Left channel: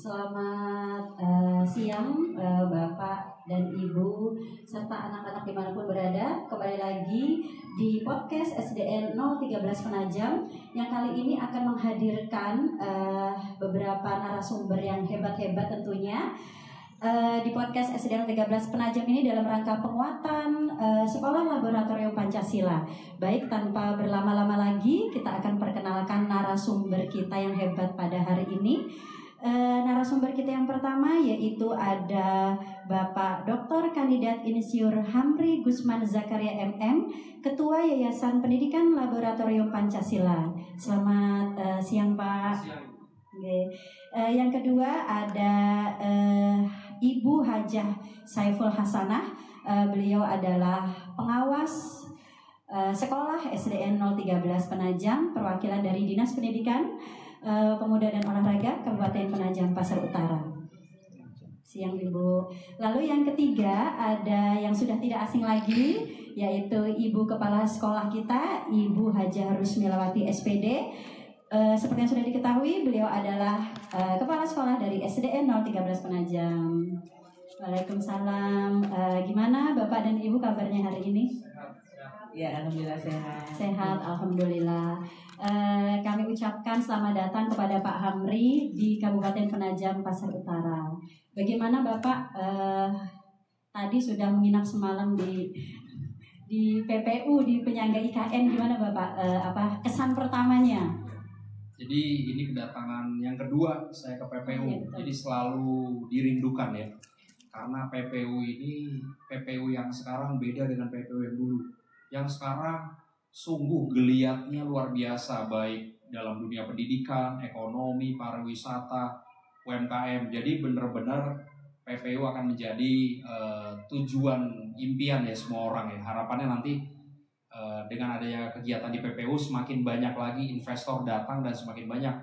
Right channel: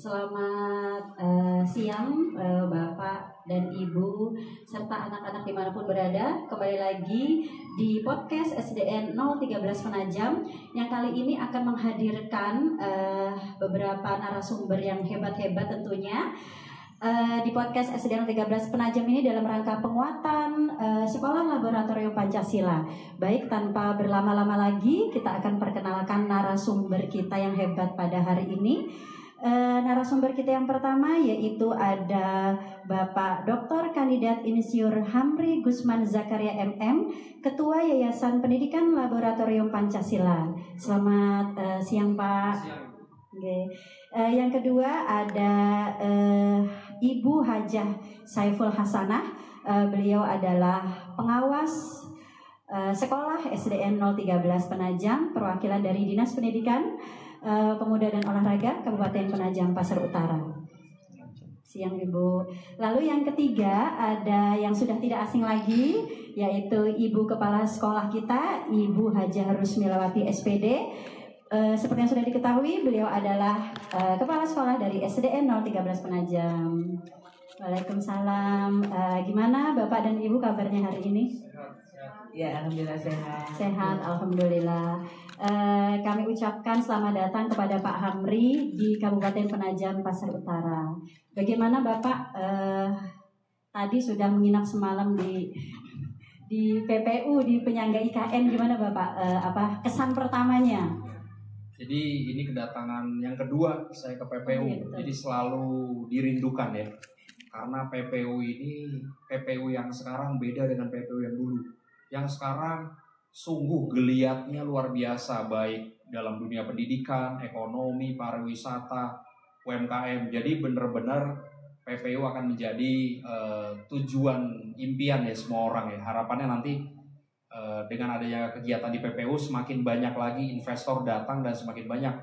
Selamat siang Bapak dan Ibu serta anak-anak dimanapun berada. Kembali lagi di podcast SDN 013 Penajam yang kali ini akan menghadirkan beberapa narasumber yang hebat-hebat tentunya. Di podcast SDN 013 Penajam ini dalam rangka penguatan Sekolah Laboratorium Pancasila. Baik, tanpa berlama-lama lagi kita akan perkenalkan narasumber kita yang hebat pada hari ini. Narasumber kita yang pertama yaitu ada Bapak Dr. Kandidat Insinyur Hamri Gusman Zakaria MM, Ketua Yayasan Pendidikan Laboratorium Pancasila. Selamat siang Pak. Siang. Okay. Yang kedua ada Ibu Hajah Saiful Hasanah. Beliau adalah pengawas sekolah SDN 013 Penajam, perwakilan dari Dinas Pendidikan, Pemuda dan Olahraga Kabupaten Penajam Pasar Utara. Siang Ibu. Lalu yang ketiga ada yang sudah tidak asing lagi, yaitu Ibu Kepala Sekolah kita, Ibu Hajah Rusmilawati SPD. Seperti yang sudah diketahui, beliau adalah Kepala Sekolah dari SDN 013 Penajam. Waalaikumsalam. Gimana Bapak dan Ibu kabarnya hari ini? Sehat. Ya, alhamdulillah sehat. Sehat, alhamdulillah. Kami ucapkan selamat datang kepada Pak Hamri di Kabupaten Penajam Pasar Utara. Bagaimana Bapak tadi sudah menginap semalam di PPU, di penyangga IKN, gimana Bapak? Kesan pertamanya? Jadi ini kedatangan yang kedua saya ke PPU. Iya, jadi selalu dirindukan ya. Karena PPU ini PPU yang sekarang beda dengan PPU yang dulu. Yang sekarang sungguh geliatnya luar biasa, baik dalam dunia pendidikan, ekonomi, pariwisata, UMKM. Jadi benar-benar PPU akan menjadi tujuan impian ya semua orang ya. Harapannya nanti dengan adanya kegiatan di PPU semakin banyak lagi investor datang dan semakin banyak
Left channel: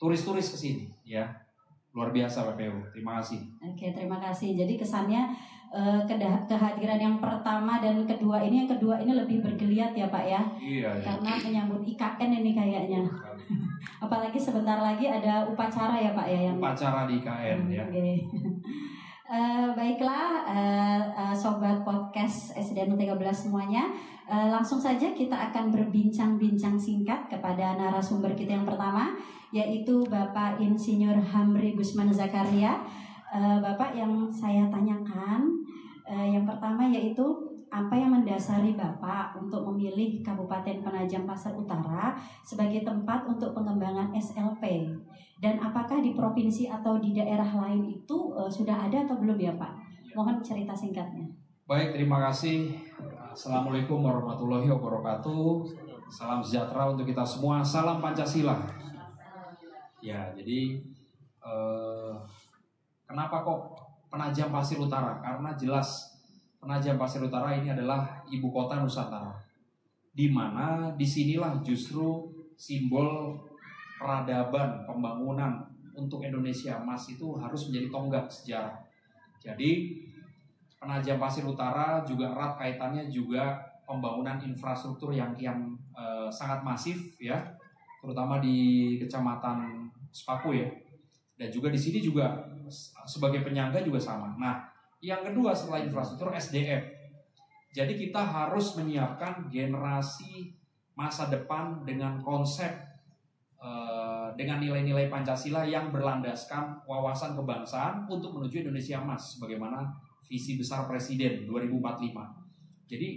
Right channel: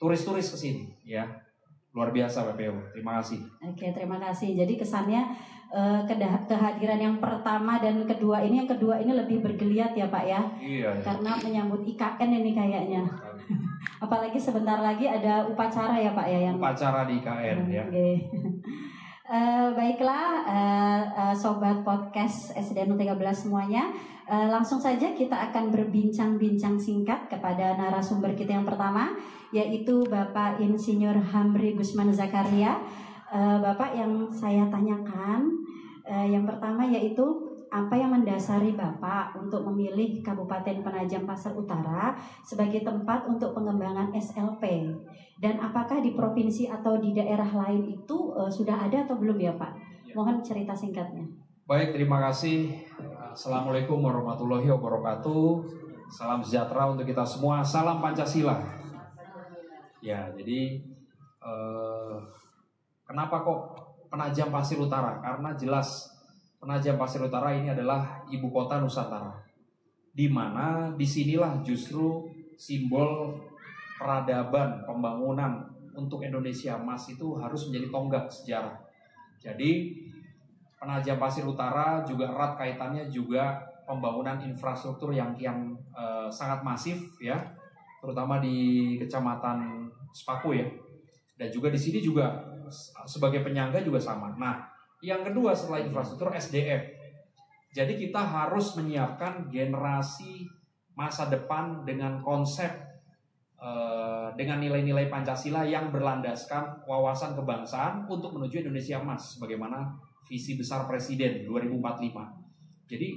turis-turis ke sini ya. Luar biasa PPU. Terima kasih. Oke, terima kasih. Jadi kesannya kehadiran yang pertama dan kedua ini, yang kedua ini lebih bergeliat ya Pak ya. Iya. Karena menyambut IKN ini kayaknya. Apalagi sebentar lagi ada upacara ya Pak ya, yang Upacara di IKN ya. Oke. Baiklah, sobat podcast SDN 13 semuanya, langsung saja kita akan berbincang-bincang singkat kepada narasumber kita yang pertama, yaitu Bapak Insinyur Hamri Gusman Zakaria. Bapak, yang saya tanyakan yang pertama yaitu apa yang mendasari Bapak untuk memilih Kabupaten Penajam Pasar Utara sebagai tempat untuk pengembangan SLP, dan apakah di provinsi atau di daerah lain itu sudah ada atau belum ya Pak? Mohon cerita singkatnya. Baik, terima kasih. Assalamualaikum warahmatullahi wabarakatuh. Salam sejahtera untuk kita semua. Salam Pancasila. Ya, jadi kenapa kok Penajam Pasir Utara? Karena jelas Penajam Pasir Utara ini adalah ibu kota Nusantara, di mana disinilah justru simbol peradaban pembangunan untuk Indonesia Emas itu harus menjadi tonggak sejarah. Jadi Penajam Pasir Utara juga erat kaitannya juga pembangunan infrastruktur yang sangat masif ya, terutama di Kecamatan Sepaku ya, dan juga di sini juga sebagai penyangga juga sama. Nah, yang kedua setelah infrastruktur, SDM. Jadi kita harus menyiapkan generasi masa depan dengan konsep dengan nilai-nilai Pancasila yang berlandaskan wawasan kebangsaan untuk menuju Indonesia Emas, sebagaimana visi besar Presiden 2045. Jadi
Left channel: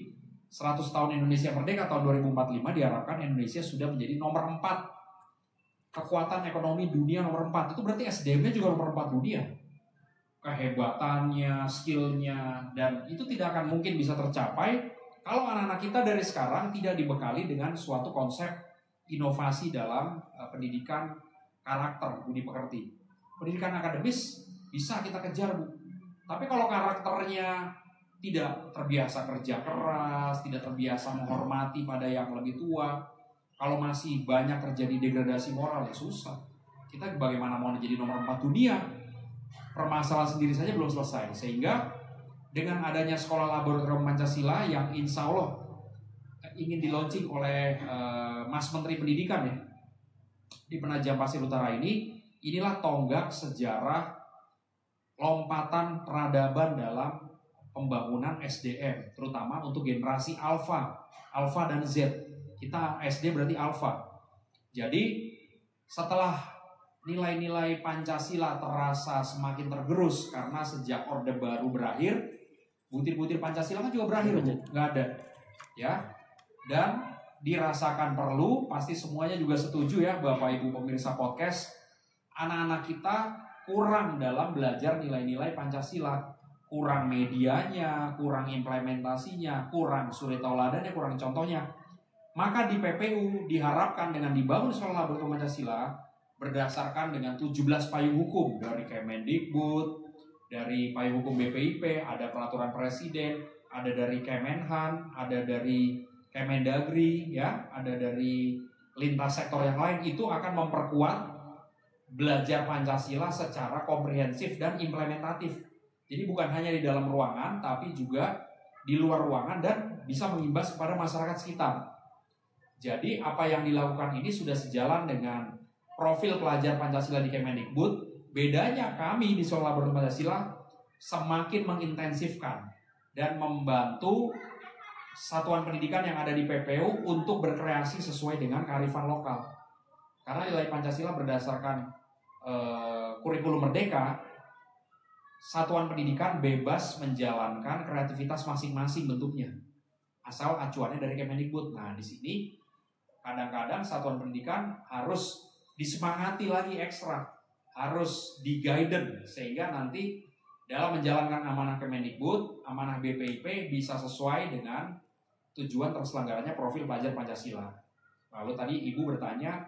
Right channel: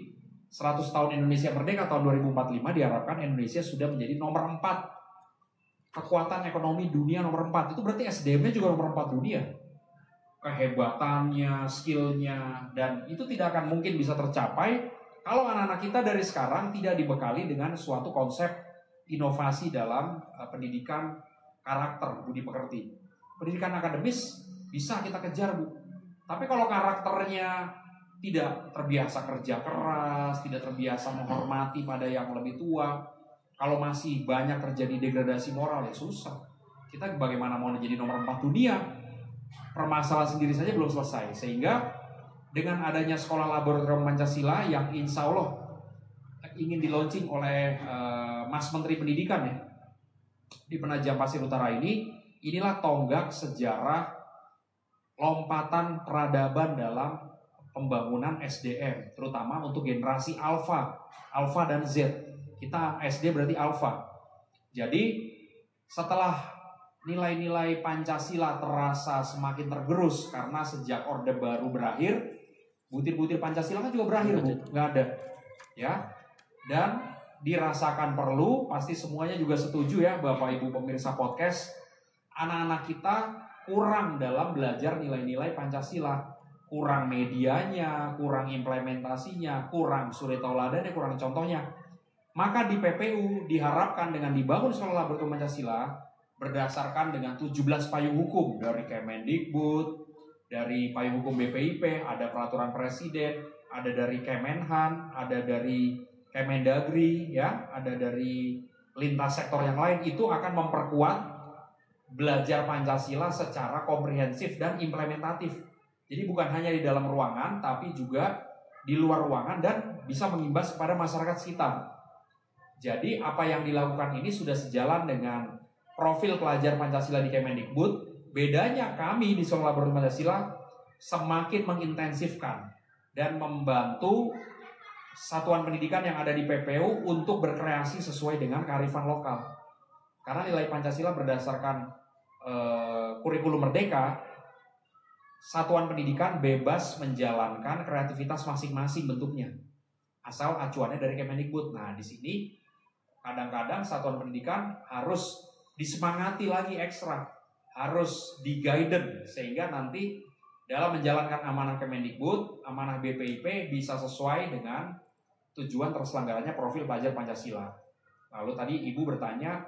100 tahun Indonesia Merdeka tahun 2045 diharapkan Indonesia sudah menjadi nomor 4 kekuatan ekonomi dunia, nomor 4. Itu berarti SDM-nya juga nomor 4 dunia. Kehebatannya, skillnya, dan itu tidak akan mungkin bisa tercapai kalau anak-anak kita dari sekarang tidak dibekali dengan suatu konsep inovasi dalam pendidikan karakter, budi pekerti. Pendidikan akademis bisa kita kejar, Bu. Tapi kalau karakternya tidak terbiasa kerja keras, tidak terbiasa menghormati pada yang lebih tua, kalau masih banyak terjadi degradasi moral, ya susah. Kita bagaimana mau jadi nomor 4 dunia? Permasalahan sendiri saja belum selesai. Sehingga dengan adanya Sekolah Laboratorium Pancasila yang insya Allah ingin di-launching oleh Mas Menteri Pendidikan ya, di Penajam Pasir Utara ini, inilah tonggak sejarah lompatan peradaban dalam pembangunan SDM, terutama untuk generasi Alpha dan Z. Kita SD berarti Alpha. Jadi setelah nilai-nilai Pancasila terasa semakin tergerus karena sejak Orde Baru berakhir, butir-butir Pancasila kan juga berakhir, nggak ada, ya. Dan dirasakan perlu, pasti semuanya juga setuju ya, Bapak Ibu pemirsa podcast, anak-anak kita kurang dalam belajar nilai-nilai Pancasila, kurang medianya, kurang implementasinya, kurang suri tauladannya, kurang contohnya. Maka di PPU diharapkan dengan dibangun sekolah laboratorium Pancasila berdasarkan dengan 17 payung hukum dari Kemendikbud, dari payung hukum BPIP, ada peraturan presiden, ada dari Kemenhan, ada dari Kemendagri, ya, ada dari lintas sektor yang lain, itu akan memperkuat belajar Pancasila secara komprehensif dan implementatif. Jadi bukan hanya di dalam ruangan, tapi juga di luar ruangan dan bisa mengimbas kepada masyarakat sekitar. Jadi apa yang dilakukan ini sudah sejalan dengan profil pelajar Pancasila di Kemendikbud. Bedanya kami di Sekolah Laboratorium Pancasila semakin mengintensifkan dan membantu satuan pendidikan yang ada di PPU untuk berkreasi sesuai dengan kearifan lokal. Karena nilai Pancasila berdasarkan kurikulum merdeka, satuan pendidikan bebas menjalankan kreativitas masing-masing bentuknya, asal acuannya dari Kemendikbud. Nah, di sini kadang-kadang satuan pendidikan harus disemangati lagi ekstra, harus di-guidance sehingga nanti dalam menjalankan amanah Kemendikbud, amanah BPIP bisa sesuai dengan tujuan terselenggaranya profil pelajar Pancasila. Lalu tadi Ibu bertanya,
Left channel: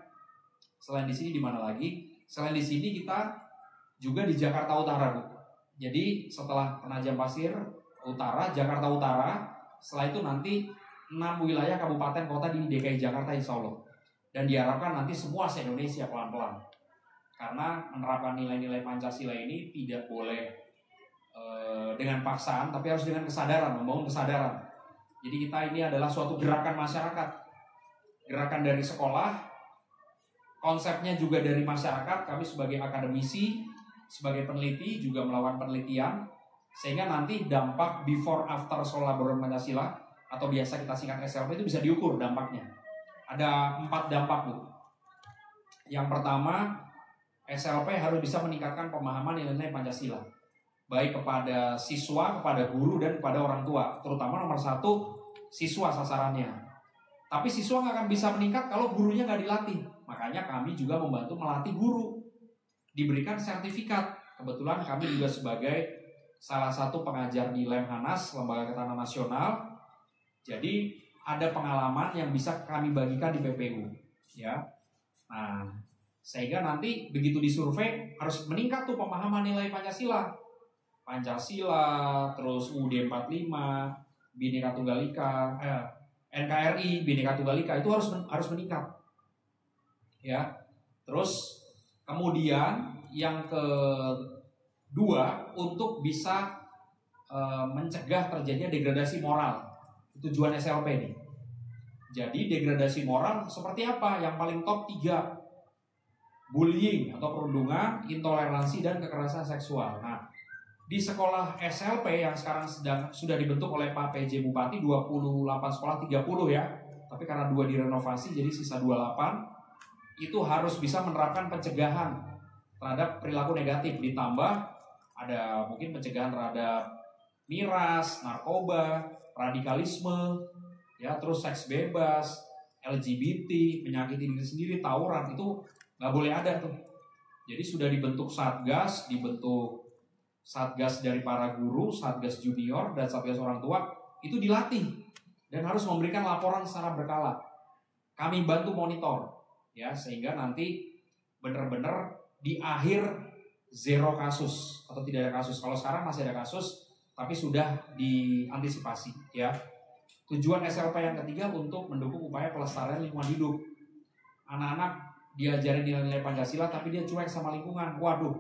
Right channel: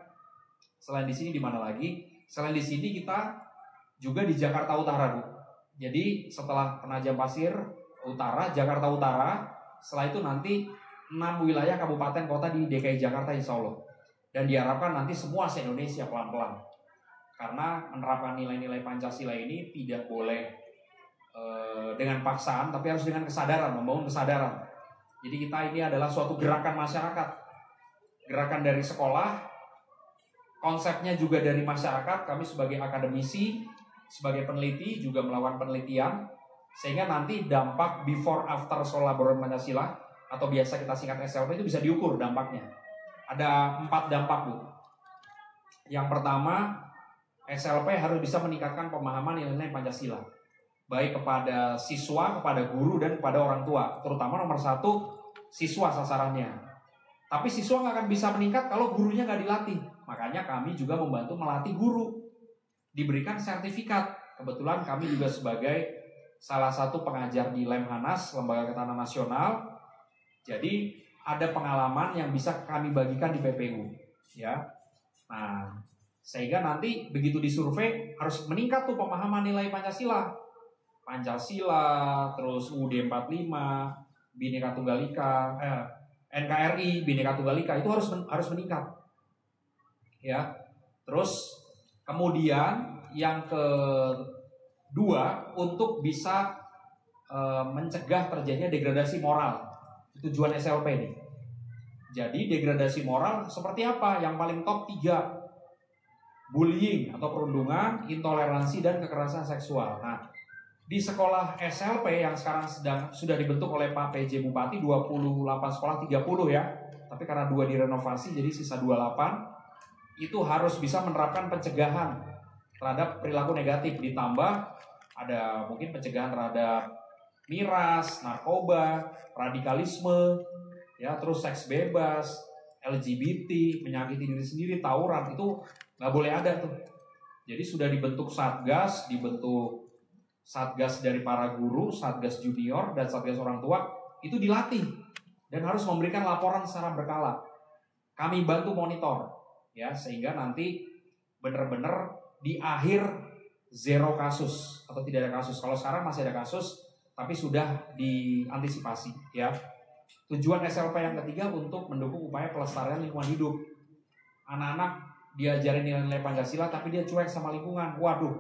selain di sini di mana lagi? Selain di sini kita juga di Jakarta Utara, Bu. Jadi setelah Penajam Pasir Utara, Jakarta Utara, setelah itu nanti 6 wilayah kabupaten kota di DKI Jakarta insya Allah. Dan diharapkan nanti semua se-Indonesia pelan-pelan. Karena menerapkan nilai-nilai Pancasila ini tidak boleh dengan paksaan, tapi harus dengan kesadaran, membangun kesadaran. Jadi kita ini adalah suatu gerakan masyarakat. Gerakan dari sekolah, konsepnya juga dari masyarakat. Kami sebagai akademisi, sebagai peneliti juga melakukan penelitian. Sehingga nanti dampak before after Sekolah Laboratorium Pancasila atau biasa kita singkat SLP itu bisa diukur dampaknya. Ada 4 dampak, Bu. Yang pertama, SLP harus bisa meningkatkan pemahaman nilai-nilai Pancasila, baik kepada siswa, kepada guru, dan kepada orang tua. Terutama nomor 1, siswa sasarannya. Tapi siswa nggak akan bisa meningkat kalau gurunya nggak dilatih. Makanya kami juga membantu melatih guru, diberikan sertifikat. Kebetulan kami juga sebagai salah satu pengajar di Lemhanas, Lembaga Ketahanan Nasional. Jadi ada pengalaman yang bisa kami bagikan di PPU, ya. Nah, sehingga nanti begitu disurvei harus meningkat tuh pemahaman nilai Pancasila, terus UUD 45, Bhinneka Tunggal Ika, NKRI, Bhinneka Tunggal Ika itu harus meningkat, ya. Terus kemudian yang kedua untuk bisa mencegah terjadinya degradasi moral. Tujuan SLP ini. Jadi degradasi moral seperti apa? Yang paling top 3. Bullying atau perundungan, intoleransi, dan kekerasan seksual. Nah, di sekolah SLP yang sekarang sudah dibentuk oleh Pak PJ Bupati 28 sekolah 30 ya. Tapi karena 2 direnovasi jadi sisa 28. Itu harus bisa menerapkan pencegahan terhadap perilaku negatif, ditambah ada mungkin pencegahan terhadap miras, narkoba, radikalisme, ya, terus seks bebas, LGBT, menyakiti diri sendiri, tawuran, itu nggak boleh ada tuh. Jadi sudah dibentuk satgas dari para guru, satgas junior, dan satgas orang tua, itu dilatih dan harus memberikan laporan secara berkala. Kami bantu monitor, ya, sehingga nanti benar-benar di akhir zero kasus atau tidak ada kasus. Kalau sekarang masih ada kasus, tapi sudah diantisipasi, ya. Tujuan SLP yang ketiga untuk mendukung upaya pelestarian lingkungan hidup. Anak-anak diajarin nilai-nilai Pancasila tapi dia cuek sama lingkungan. Waduh,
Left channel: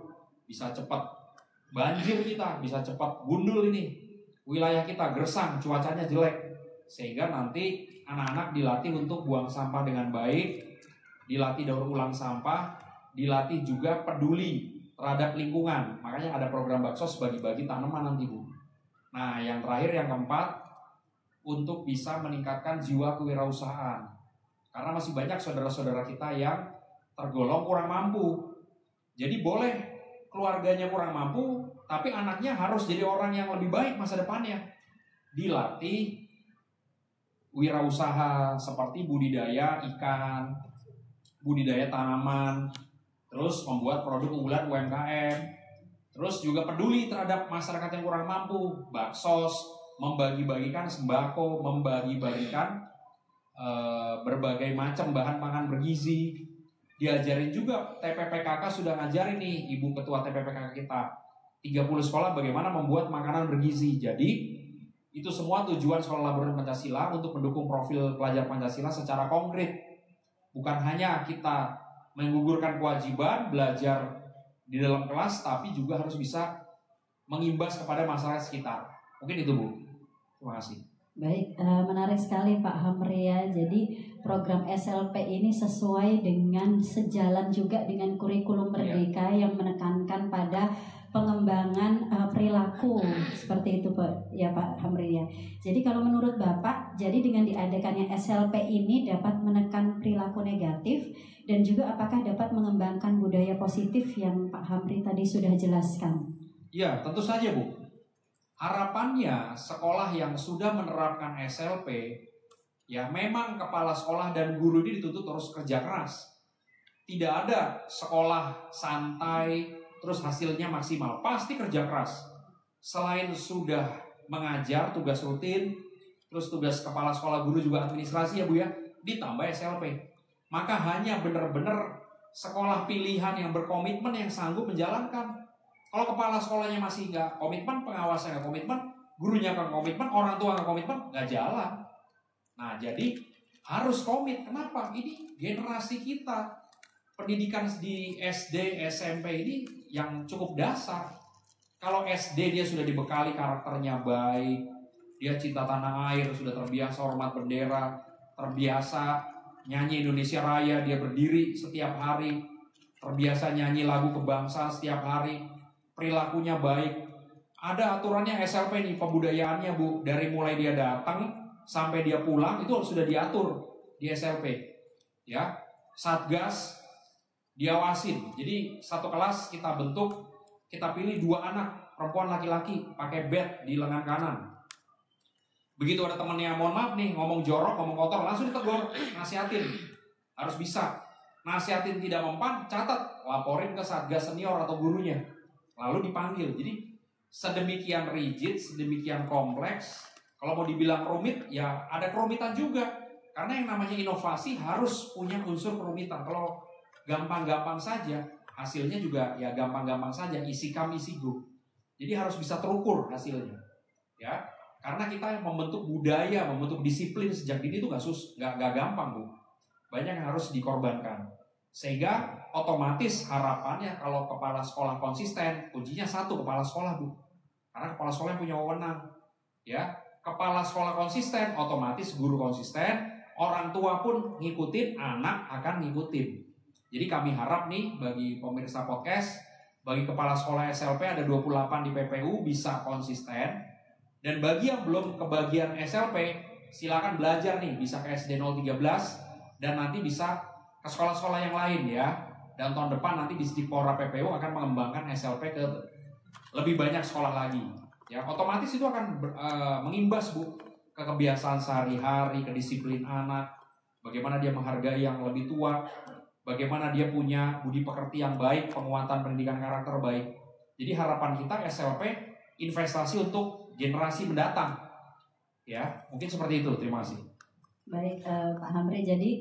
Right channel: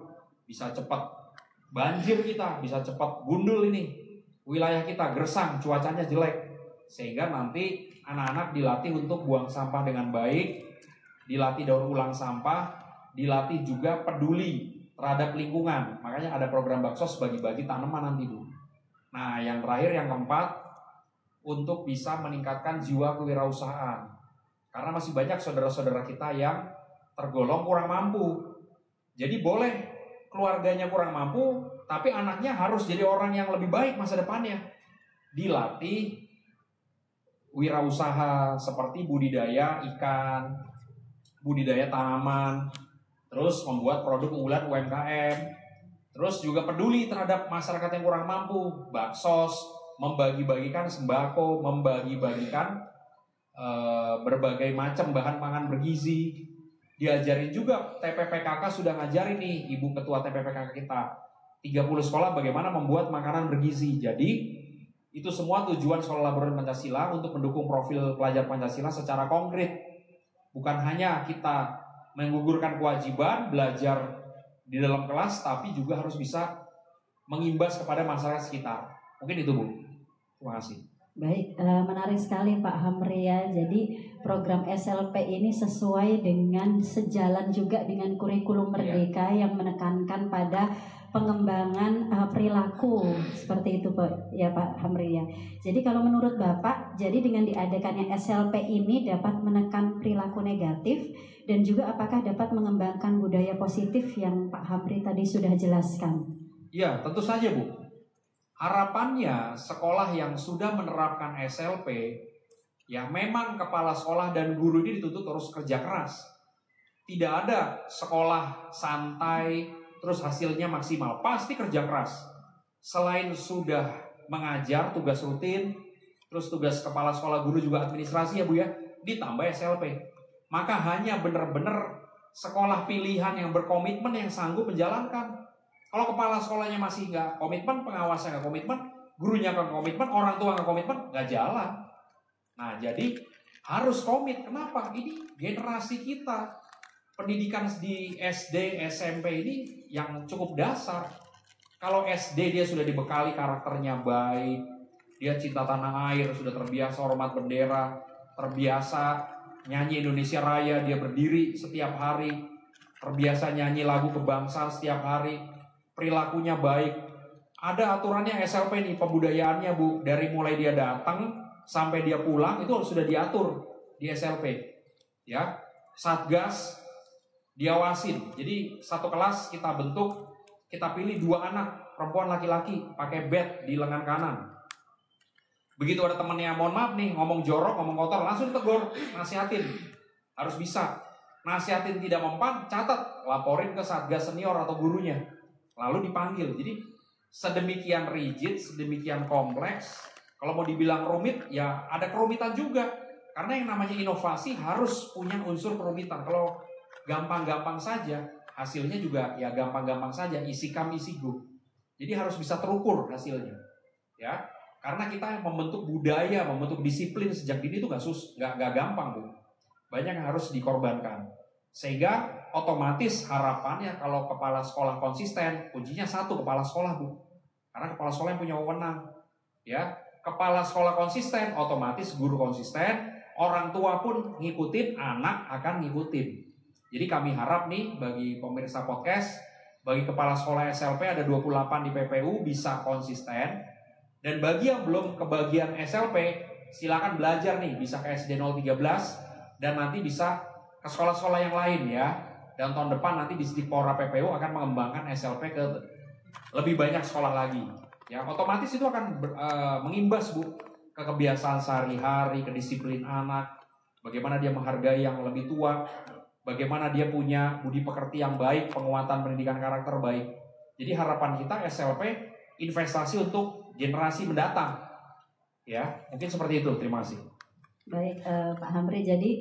bisa cepat banjir kita, bisa cepat gundul ini. Wilayah kita gersang, cuacanya jelek. Sehingga nanti anak-anak dilatih untuk buang sampah dengan baik, dilatih daur ulang sampah, dilatih juga peduli terhadap lingkungan. Makanya ada program baksos bagi-bagi tanaman nanti Bu. Nah yang terakhir, yang keempat, untuk bisa meningkatkan jiwa kewirausahaan. Karena masih banyak saudara-saudara kita yang tergolong kurang mampu. Jadi boleh keluarganya kurang mampu, tapi anaknya harus jadi orang yang lebih baik masa depannya. Dilatih wirausaha seperti budidaya ikan, budidaya tanaman, terus membuat produk unggulan UMKM, terus juga peduli terhadap masyarakat yang kurang mampu, baksos, membagi-bagikan sembako, membagi-bagikan berbagai macam bahan pangan bergizi. Diajarin juga, TPPKK sudah ngajarin nih Ibu Ketua TPPKK kita 30 sekolah bagaimana membuat makanan bergizi. Jadi itu semua tujuan Sekolah Laboratorium Pancasila untuk mendukung profil pelajar Pancasila secara konkret. Bukan hanya kita menggugurkan kewajiban belajar di dalam kelas, tapi juga harus bisa mengimbas kepada masyarakat sekitar. Mungkin itu Bu. Terima kasih. Baik, menarik sekali Pak Hamri ya. Jadi program SLP ini sesuai dengan sejalan juga dengan kurikulum Merdeka yang menekankan pada pengembangan perilaku seperti itu Pak ya Pak Hamri ya. Jadi kalau menurut Bapak, jadi dengan diadakannya SLP ini dapat menekan perilaku negatif dan juga apakah dapat mengembangkan budaya positif yang Pak Hamri tadi sudah jelaskan? Iya, tentu saja Bu. Harapannya sekolah yang sudah menerapkan SLP, ya memang kepala sekolah dan guru ini dituntut terus kerja keras. Tidak ada sekolah santai terus hasilnya maksimal, pasti kerja keras. Selain sudah mengajar tugas rutin, terus tugas kepala sekolah, guru juga administrasi ya Bu ya, ditambah SLP. Maka hanya benar-benar sekolah pilihan yang berkomitmen yang sanggup menjalankan. Kalau kepala sekolahnya masih nggak komitmen, pengawasnya nggak komitmen, gurunya nggak komitmen, orang tua nggak komitmen, nggak jalan. Nah jadi harus komit. Kenapa? Ini generasi kita. Pendidikan di SD, SMP ini yang cukup dasar. Kalau SD dia sudah dibekali karakternya baik, dia cinta tanah air, sudah terbiasa hormat bendera, terbiasa nyanyi Indonesia Raya, dia berdiri setiap hari, terbiasa nyanyi lagu kebangsaan setiap hari, perilakunya baik. Ada aturannya SLP nih, pebudayaannya Bu, dari mulai dia datang sampai dia pulang itu sudah diatur di SLP. Ya, Satgas diawasin. Jadi satu kelas kita bentuk, kita pilih 2 anak, perempuan laki-laki, pakai bed di lengan kanan. Begitu ada temannya mohon maaf nih, ngomong jorok, ngomong kotor, langsung ditegur, nasihatin. Harus bisa. Nasihatin tidak mempan, catat, laporin ke Satgas senior atau gurunya. Lalu dipanggil. Jadi sedemikian rigid, sedemikian kompleks. Kalau mau dibilang rumit, ya ada kerumitan juga. Karena yang namanya inovasi harus punya unsur kerumitan. Kalau gampang-gampang saja, hasilnya juga ya gampang-gampang saja, isi come isi go. Jadi harus bisa terukur hasilnya. Ya, karena kita membentuk budaya, membentuk disiplin sejak dini itu nggak gampang Bu. Banyak yang harus dikorbankan. Sehingga otomatis harapannya kalau kepala sekolah konsisten, kuncinya satu, kepala sekolah Bu. Karena kepala sekolah yang punya wewenang. Ya, kepala sekolah konsisten, otomatis guru konsisten, orang tua pun ngikutin, anak akan ngikutin. Jadi kami harap nih bagi pemirsa podcast, bagi kepala sekolah SLP ada 28 di PPU bisa konsisten. Dan bagi yang belum kebagian SLP, silakan belajar nih, bisa ke SD 013 dan nanti bisa ke sekolah-sekolah yang lain ya. Dan tahun depan nanti di Dipora PPU akan mengembangkan SLP ke lebih banyak sekolah lagi. Ya, otomatis itu akan mengimbas Bu ke kebiasaan sehari-hari, kedisiplin anak, bagaimana dia menghargai yang lebih tua, bagaimana dia punya budi pekerti yang baik, penguatan pendidikan karakter baik. Jadi harapan kita SLP investasi untuk generasi mendatang. Ya, mungkin seperti itu. Terima kasih. Baik, Pak Hamri. Jadi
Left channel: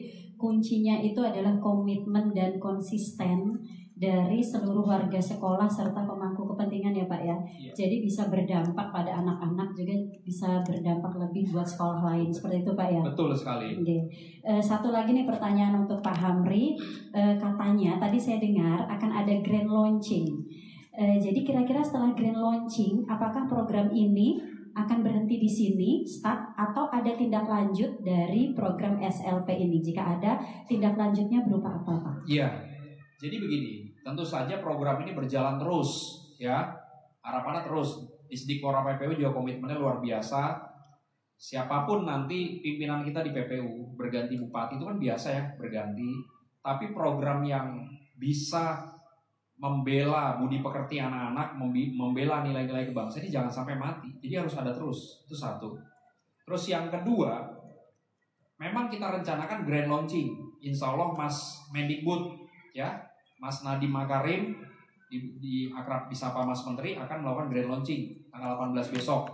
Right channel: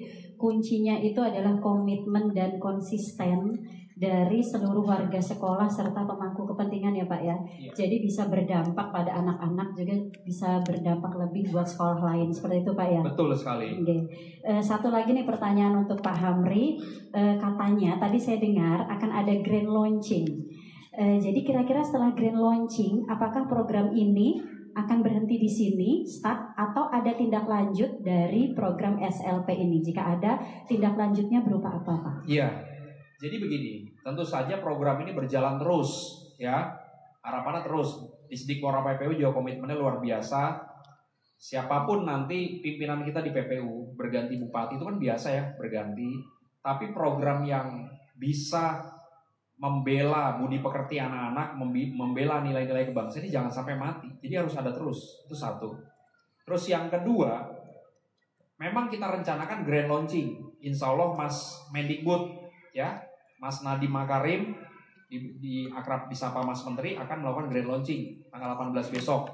kuncinya itu adalah komitmen dan konsisten dari seluruh warga sekolah serta pemangku kepentingan ya Pak ya. Iya. Jadi bisa berdampak pada anak-anak, juga bisa berdampak lebih buat sekolah lain. Seperti itu Pak ya. Betul sekali. Oke. Satu lagi nih pertanyaan untuk Pak Hamri. Katanya tadi saya dengar akan ada grand launching. Jadi kira-kira setelah grand launching, apakah program ini akan berhenti di sini, start, atau ada tindak lanjut dari program SLP ini? Jika ada, tindak lanjutnya berupa apa Pak? Iya. Jadi begini, tentu saja program ini berjalan terus, ya. Harapannya terus. Disdikpora PPU juga komitmennya luar biasa. Siapapun nanti pimpinan kita di PPU berganti bupati itu kan biasa ya, berganti. Tapi program yang bisa membela budi pekerti anak-anak, membela nilai-nilai kebangsaan ini jangan sampai mati. Jadi harus ada terus. Itu satu. Terus yang kedua, memang kita rencanakan grand launching. Insya Allah Mas Mendikbud, ya, Mas Nadiem Makarim di akrab disapa Mas Menteri akan melakukan grand launching tanggal 18 besok,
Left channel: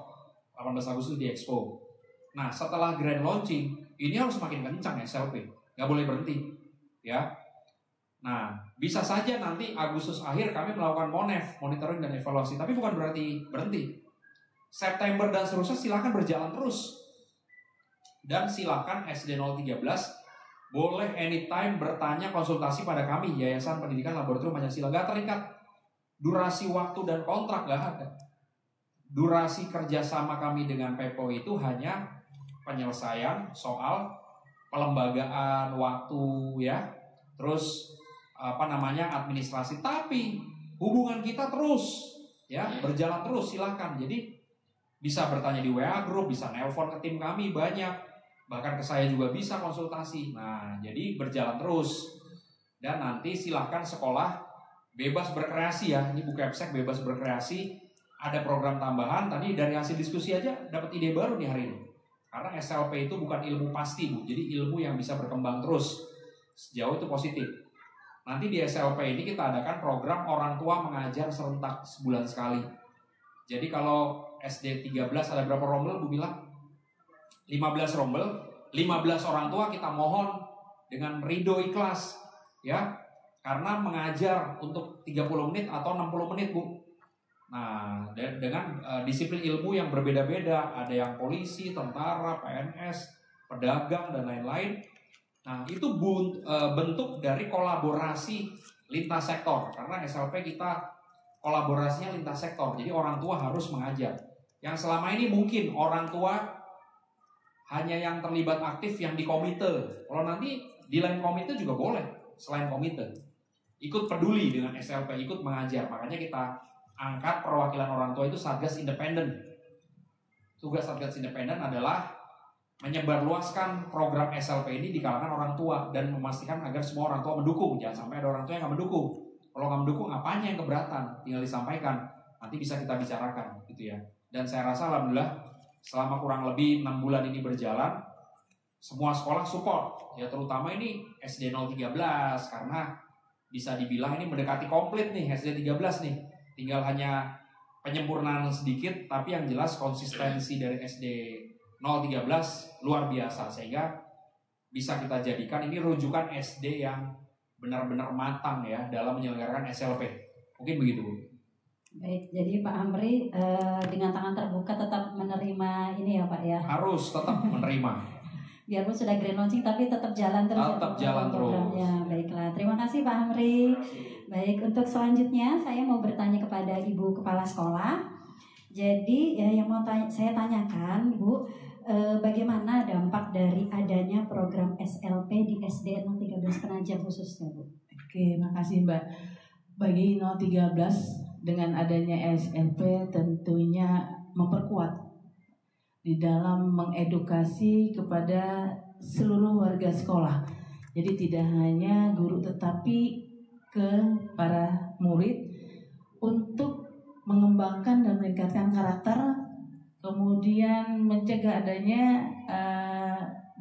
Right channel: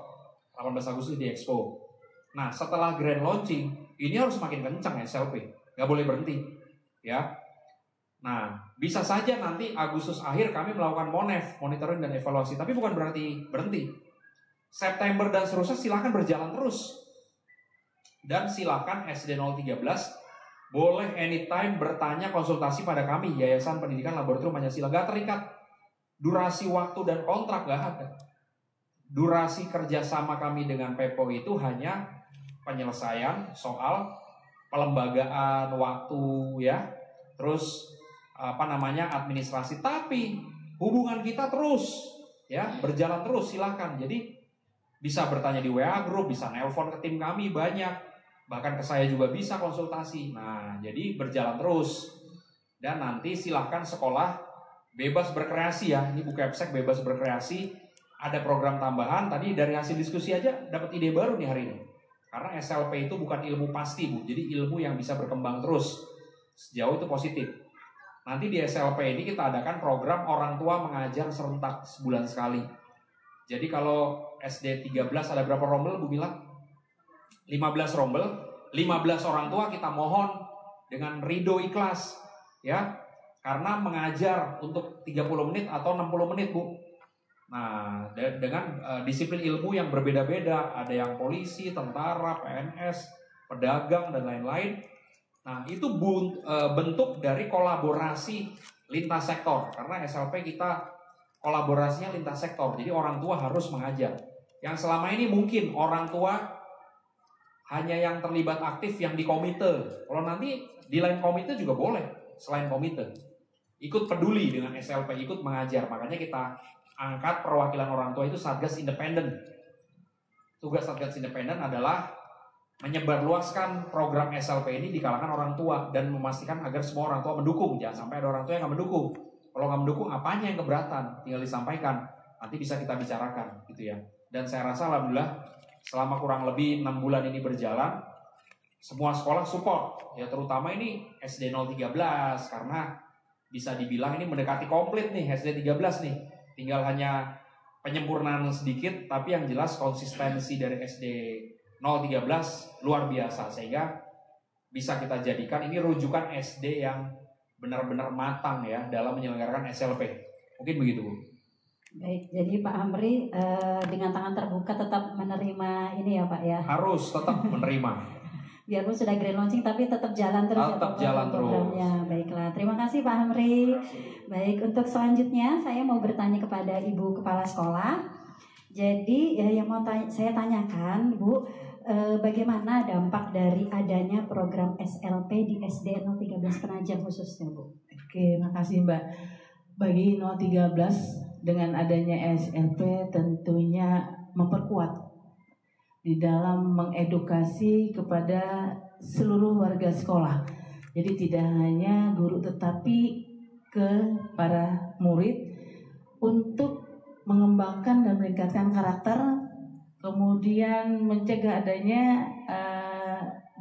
18 Agustus di Expo. Nah, setelah grand launching ini harus makin kencang SLP, nggak boleh berhenti, ya. Nah, bisa saja nanti Agustus akhir kami melakukan monitoring dan evaluasi, tapi bukan berarti berhenti. September dan seterusnya silakan berjalan terus. Dan silakan SD 013 boleh anytime bertanya konsultasi pada kami Yayasan Pendidikan Laboratorium Pancasila. Gak terikat durasi waktu dan kontrak, gak ada. Durasi kerjasama kami dengan PEPO itu hanya penyelesaian soal pelembagaan waktu, ya, terus administrasi. Tapi hubungan kita terus, ya, berjalan terus. Silakan. Jadi bisa bertanya di WA group, bisa nelpon ke tim kami banyak. Bahkan ke saya juga bisa konsultasi. Nah, jadi berjalan terus. Dan nanti silahkan sekolah bebas berkreasi ya. Ini Bu Kepsek bebas berkreasi. Ada program tambahan. Tadi dari hasil diskusi aja dapat ide baru nih hari ini. Karena SLP itu bukan ilmu pasti, Bu. Jadi ilmu yang bisa berkembang terus. Sejauh itu positif. Nanti di SLP ini kita adakan program orang tua mengajar serentak sebulan sekali. Jadi kalau SD 13 ada berapa rombel Bu bilang? 15 rombel, 15 orang tua kita mohon dengan ridho ikhlas, ya, karena mengajar untuk 30 menit atau 60 menit Bu. Nah, dengan disiplin ilmu yang berbeda-beda, ada yang polisi, tentara, PNS, pedagang dan lain-lain. Nah, itu bentuk dari kolaborasi lintas sektor, karena SLP kita kolaborasinya lintas sektor. Jadi orang tua harus mengajar. Yang selama ini mungkin orang tua hanya yang terlibat aktif yang di komite. Kalau nanti di lain komite juga boleh, selain komite. Ikut peduli dengan SLP, ikut mengajar. Makanya kita angkat perwakilan orang tua itu Satgas Independen. Tugas Satgas Independen adalah menyebarluaskan program SLP ini di kalangan orang tua dan memastikan agar semua orang tua mendukung. Jangan sampai ada orang tua yang nggak mendukung. Kalau nggak mendukung, apanya yang keberatan? Tinggal disampaikan. Nanti bisa kita bicarakan, gitu ya. Dan saya rasa alhamdulillah selama kurang lebih 6 bulan ini berjalan, semua sekolah support, ya, terutama ini SD 013 karena bisa dibilang ini mendekati komplit nih SD 13 nih. Tinggal hanya penyempurnaan sedikit, tapi yang jelas konsistensi dari SD 013 luar biasa sehingga bisa kita jadikan ini rujukan SD yang benar-benar matang ya dalam menyelenggarakan SLP. Mungkin begitu, Bu. Baik, jadi Pak Amri dengan tangan terbuka tetap menerima ini ya Pak ya. Harus tetap menerima. Biarpun sudah grand launching tapi tetap jalan terus tetap jalan programnya. Terus. Baiklah, terima kasih Pak Amri. Baik, untuk selanjutnya saya mau bertanya kepada Ibu Kepala Sekolah. Jadi yang mau saya tanyakan, Bu, bagaimana dampak dari adanya program SLP di SD 013 Penajam khususnya, Bu? Oke, makasih Mbak. Bagi 013 dengan adanya SLP tentunya memperkuat di dalam mengedukasi kepada seluruh warga sekolah. Jadi tidak hanya guru tetapi ke para murid untuk mengembangkan dan meningkatkan karakter, kemudian mencegah adanya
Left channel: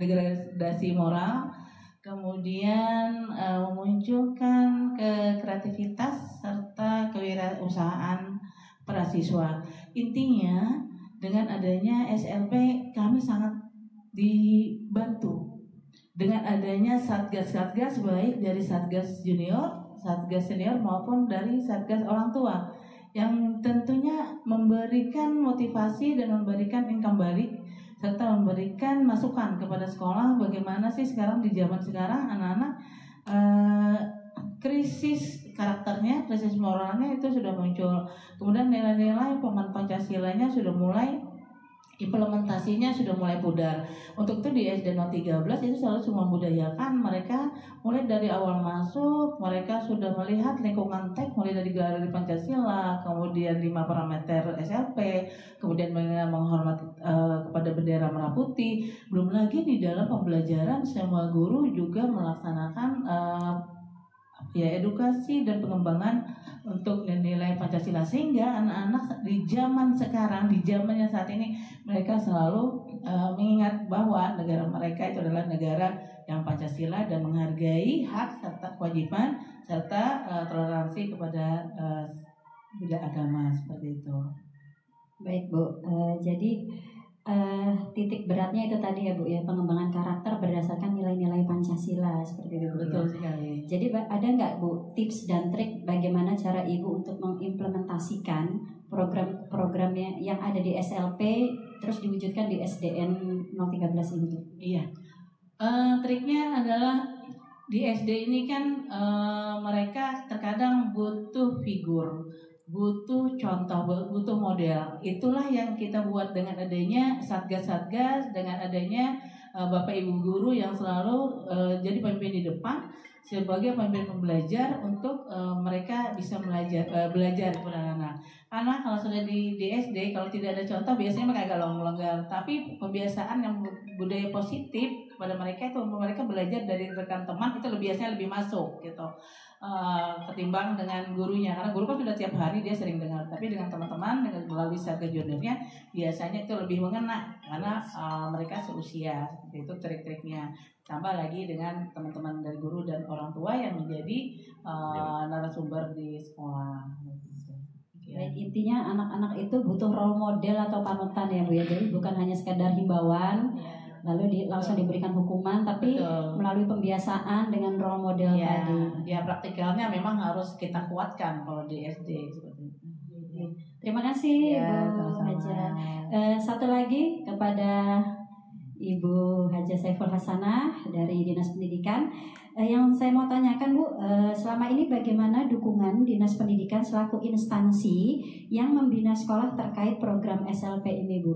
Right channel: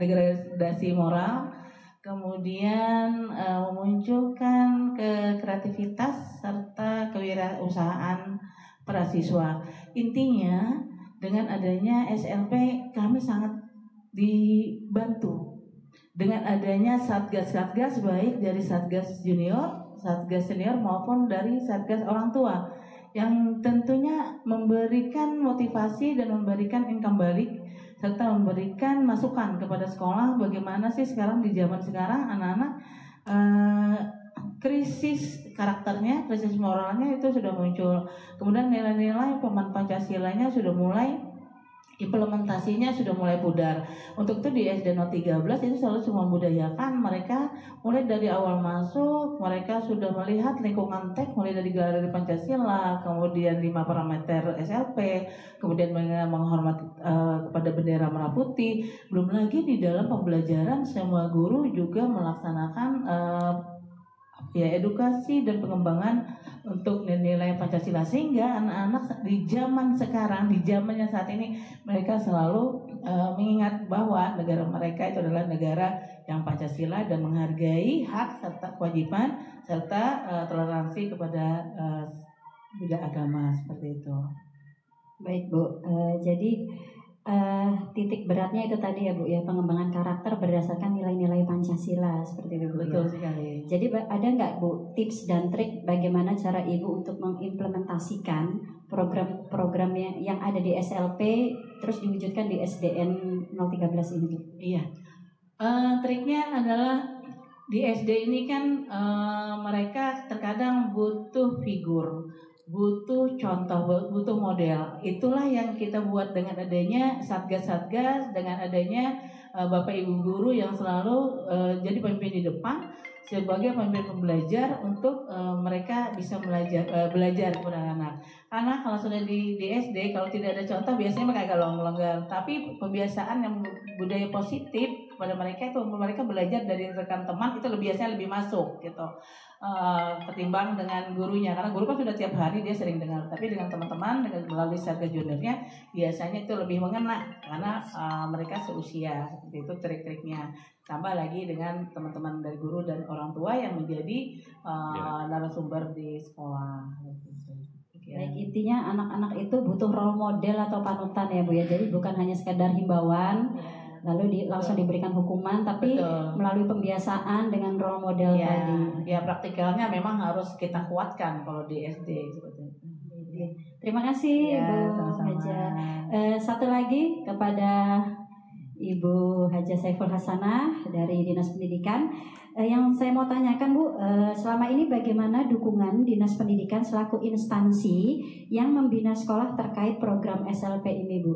degradasi moral, kemudian memunculkan kreativitas serta kewirausahaan para siswa. Intinya dengan adanya SLP kami sangat dibantu dengan adanya satgas-satgas baik dari satgas junior, satgas senior maupun dari satgas orang tua yang tentunya memberikan motivasi dan memberikan income balik serta memberikan masukan kepada sekolah bagaimana sih sekarang di zaman sekarang anak-anak krisis karakternya, krisis moralnya itu sudah muncul. Kemudian nilai-nilai pemanfaat Pancasilanya sudah mulai implementasinya sudah mulai pudar. Untuk itu di SD 013 itu selalu cuma membudayakan mereka mulai dari awal masuk, mereka sudah melihat lingkungan TEK mulai dari Galeri Pancasila, kemudian 5 parameter SLP, kemudian menghormati kepada bendera merah putih. Belum lagi di dalam pembelajaran semua guru juga melaksanakan edukasi dan pengembangan untuk nilai Pancasila, sehingga anak-anak di zaman sekarang, di zamannya saat ini, mereka selalu mengingat bahwa negara mereka itu adalah negara yang Pancasila dan menghargai hak serta kewajiban serta toleransi kepada beda agama, seperti itu. Baik Bu, jadi titik beratnya itu tadi ya Bu ya, pengembangan karakter berdasarkan nilai-nilai Pancasila seperti itu Bu. Betul sekali. Jadi ada nggak Bu tips dan trik bagaimana cara Ibu untuk mengimplementasikan program-program yang ada di SLP terus diwujudkan di SDN 013 ini Bu? Iya, triknya adalah di SD ini kan mereka terkadang butuh figur, butuh contoh, butuh model. Itulah yang kita buat dengan adanya satgas-satgas, dengan adanya Bapak Ibu guru yang selalu jadi pemimpin di depan sebagai pemimpin pembelajar untuk mereka bisa belajar kepada anak. Karena kalau sudah di SD, kalau tidak ada contoh biasanya mereka agak longgar. Tapi pembiasaan yang budaya positif kepada mereka itu mereka belajar dari rekan teman itu biasanya lebih masuk gitu. Ketimbang dengan gurunya, karena guru kan sudah tiap hari dia sering dengar, tapi dengan teman-teman dengan melalui satgas juniornya biasanya itu lebih mengena karena mereka seusia, seperti itu trik-triknya. Tambah lagi dengan teman-teman dari guru dan orang tua yang menjadi narasumber di sekolah. Baik, intinya anak-anak itu butuh role model atau panutan ya Bu ya, jadi bukan hanya sekadar himbauan lalu langsung diberikan hukuman, tapi melalui pembiasaan dengan role model tadi. Ya praktikalnya memang harus kita kuatkan kalau di SD seperti itu. Terima kasih Ya, Bu Haja. Satu lagi kepada Ibu Haja Saiful Hasanah dari Dinas Pendidikan. Yang saya mau tanyakan Bu, selama ini bagaimana dukungan Dinas Pendidikan selaku instansi yang membina sekolah terkait program SLP ini Bu?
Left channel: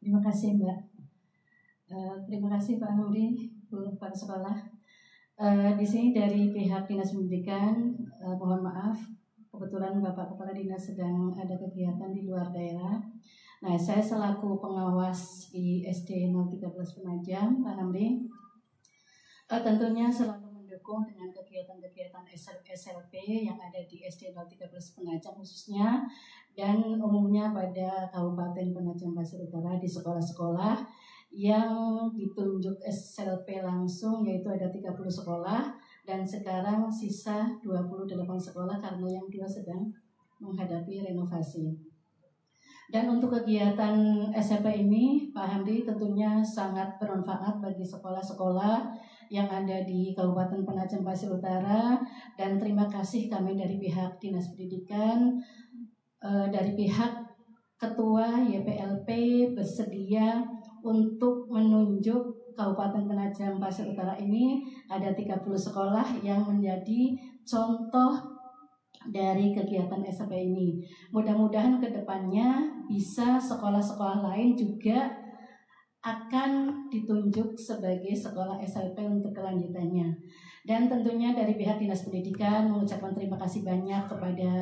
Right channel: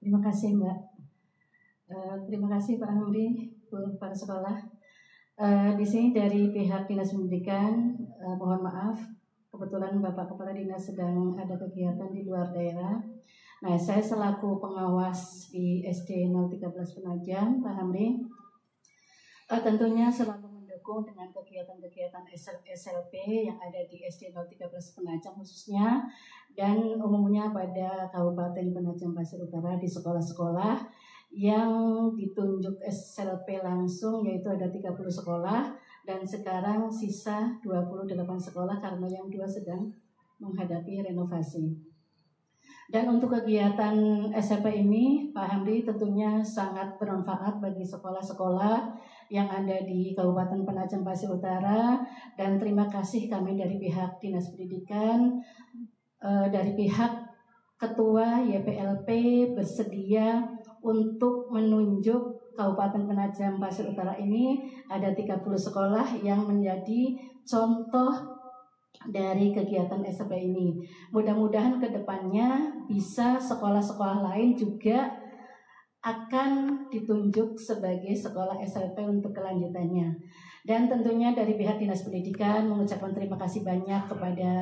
Terima kasih Mbak. Terima kasih Pak Hamdi, Bu Kepala Sekolah. Di sini dari pihak Dinas Pendidikan, mohon maaf, kebetulan Bapak Kepala Dinas sedang ada kegiatan di luar daerah. Nah, saya selaku pengawas di SD 013 Penajam, Pak Hamdi, tentunya selalu mendukung dengan kegiatan-kegiatan SLP yang ada di SD 013 Penajam khususnya, dan umumnya pada Kabupaten Penajam Pasir Utara di sekolah-sekolah yang ditunjuk SLP langsung, yaitu ada 30 sekolah dan sekarang sisa 28 sekolah karena yang 2 sedang menghadapi renovasi. Dan untuk kegiatan SLP ini Pak Hamdi tentunya sangat bermanfaat bagi sekolah-sekolah yang ada di Kabupaten Penajam Pasir Utara, dan terima kasih kami dari pihak Dinas Pendidikan, dari pihak Ketua YPLP bersedia untuk menunjuk Kabupaten Penajam Pasir Utara ini ada 30 sekolah yang menjadi contoh dari kegiatan SLP ini. Mudah-mudahan ke depannya bisa sekolah-sekolah lain juga akan ditunjuk sebagai sekolah SLP untuk kelanjutannya. Dan tentunya dari pihak Dinas Pendidikan mengucapkan terima kasih banyak kepada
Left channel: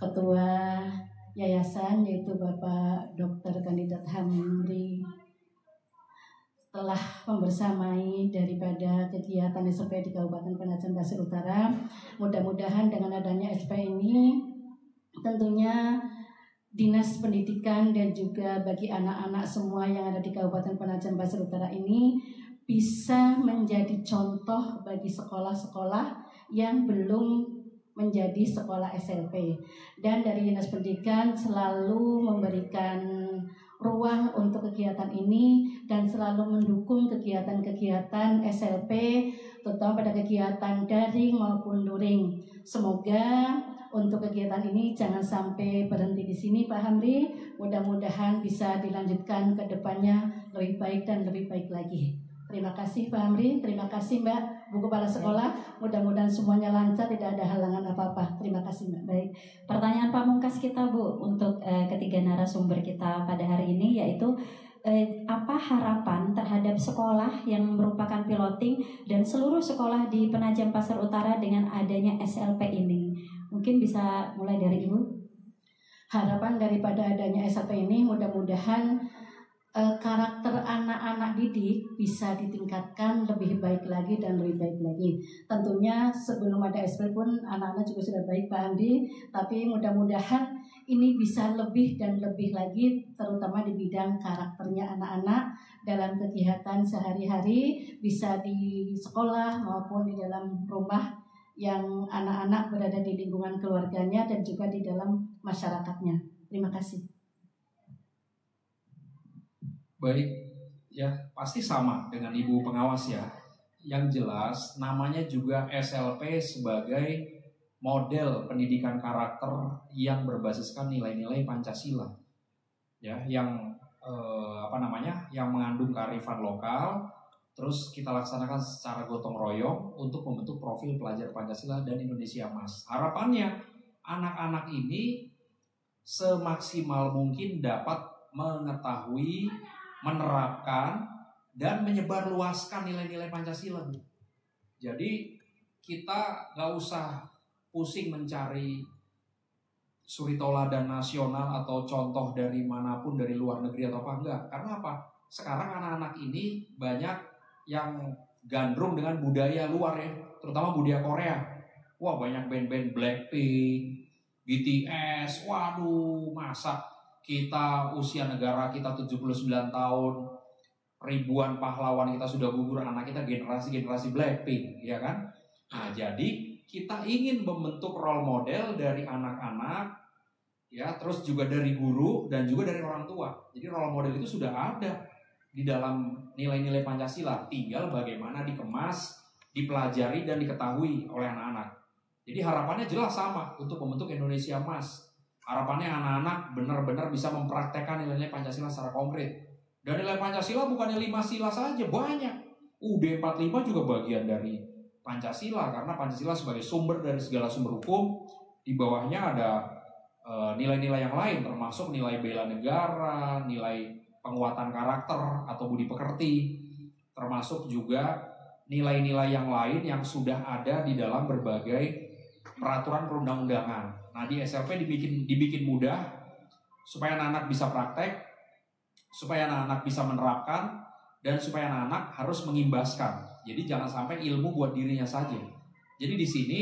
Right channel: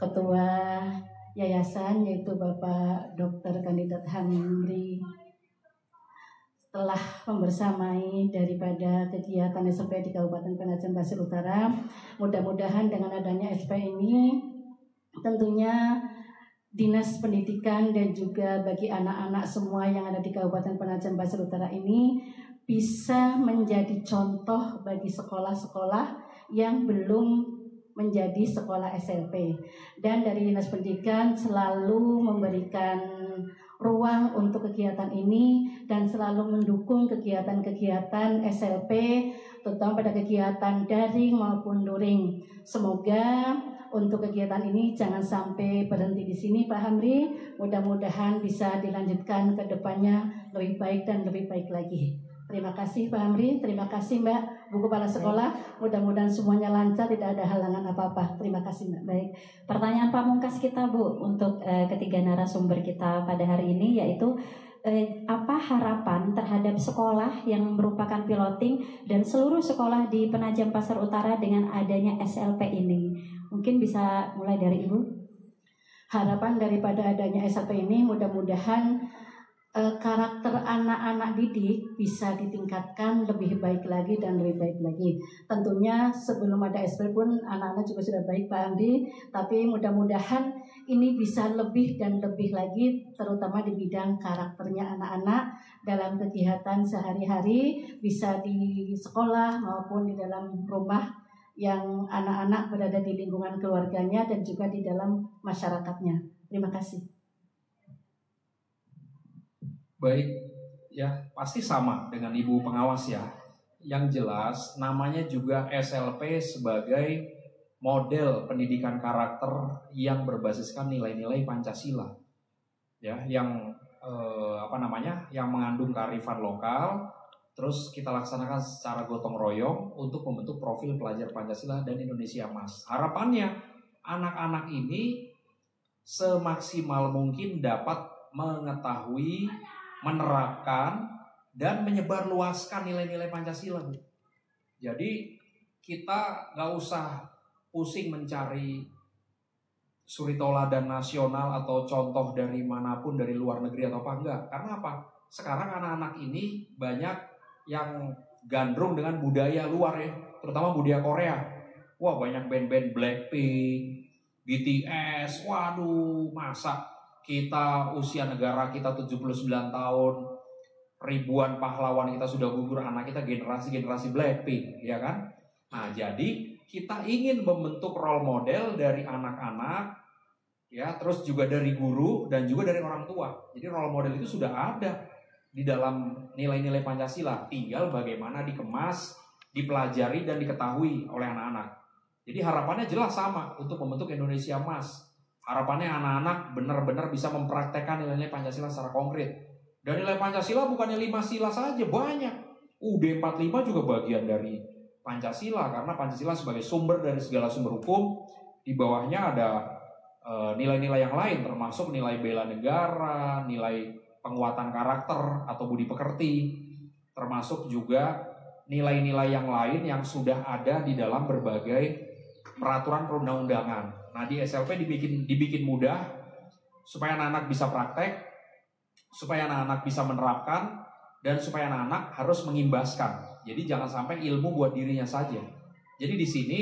Ketua Yayasan, yaitu Bapak Dr. Kandidat Hamdi, telah membersamai daripada kegiatan SLP di Kabupaten Penajam Pasir Utara. Mudah-mudahan dengan adanya SP ini tentunya Dinas Pendidikan dan juga bagi anak-anak semua yang ada di Kabupaten Penajam Pasir Utara ini bisa menjadi contoh bagi sekolah-sekolah yang belum menjadi sekolah SLP. Dan dari Dinas Pendidikan selalu memberikan ruang untuk kegiatan ini dan selalu mendukung kegiatan-kegiatan SLP, terutama pada kegiatan daring maupun luring. Semoga untuk kegiatan ini jangan sampai berhenti di sini Pak Hamdi. Mudah-mudahan bisa dilanjutkan ke depannya lebih baik dan lebih baik lagi. Terima kasih Pak Hamdi, terima kasih Mbak. Bu Kepala Sekolah. Mudah-mudahan semuanya lancar, tidak ada halangan apa-apa. Terima kasih Mbak. Baik, pertanyaan pamungkas kita Bu untuk ketiga narasumber kita pada hari ini, yaitu apa harapan terhadap sekolah yang merupakan piloting dan seluruh sekolah di Penajam Pasar Utara dengan adanya SLP ini? Mungkin bisa mulai dari Ibu. Harapan daripada adanya SLP ini mudah-mudahan karakter anak-anak didik bisa ditingkatkan lebih baik lagi dan lebih baik lagi. Tentunya sebelum ada SLP pun anak-anak juga sudah baik Pak Andi, tapi mudah-mudahan ini bisa lebih dan lebih lagi, terutama di bidang karakternya anak-anak dalam kegiatan sehari-hari, bisa di sekolah maupun di dalam rumah yang anak-anak berada di lingkungan keluarganya dan juga di dalam masyarakatnya. Terima kasih. Baik, ya pasti sama dengan Ibu pengawas ya. Yang jelas namanya juga SLP sebagai model pendidikan karakter yang berbasiskan nilai-nilai Pancasila. Ya, yang yang mengandung kearifan lokal, terus kita laksanakan secara gotong royong untuk membentuk profil pelajar Pancasila dan Indonesia Emas. Harapannya anak-anak ini semaksimal mungkin dapat mengetahui, menerapkan dan menyebarluaskan nilai-nilai Pancasila. Jadi kita nggak usah pusing mencari suri toladan nasional atau contoh dari manapun, dari luar negeri atau apa enggak. Karena apa? Sekarang anak-anak ini banyak yang gandrung dengan budaya luar ya, terutama budaya Korea. Wah, banyak band-band Blackpink, BTS. Waduh, masa kita usia negara kita 79 tahun, ribuan pahlawan kita sudah gugur, anak kita generasi Blackpink, ya kan? Nah, jadi kita ingin membentuk role model dari anak-anak, ya, terus juga dari guru dan juga dari orang tua. Jadi role model itu sudah ada di dalam nilai-nilai Pancasila, tinggal bagaimana dikemas, dipelajari dan diketahui oleh anak-anak. Jadi harapannya jelas sama untuk membentuk Indonesia Emas. Harapannya anak-anak benar-benar bisa mempraktekkan nilai-nilai Pancasila secara konkret. Dan nilai Pancasila bukannya 5 sila saja, banyak. UUD 45 juga bagian dari Pancasila, karena Pancasila sebagai sumber dari segala sumber hukum. Di bawahnya ada nilai-nilai yang lain, termasuk nilai bela negara, nilai penguatan karakter atau budi pekerti, termasuk juga nilai-nilai yang lain yang sudah ada di dalam berbagai peraturan perundang-undangan. Nah, di SLP dibikin mudah supaya anak-anak bisa praktek, supaya anak-anak bisa menerapkan, dan supaya anak-anak harus mengimbaskan. Jadi jangan sampai ilmu buat dirinya saja. Jadi di sini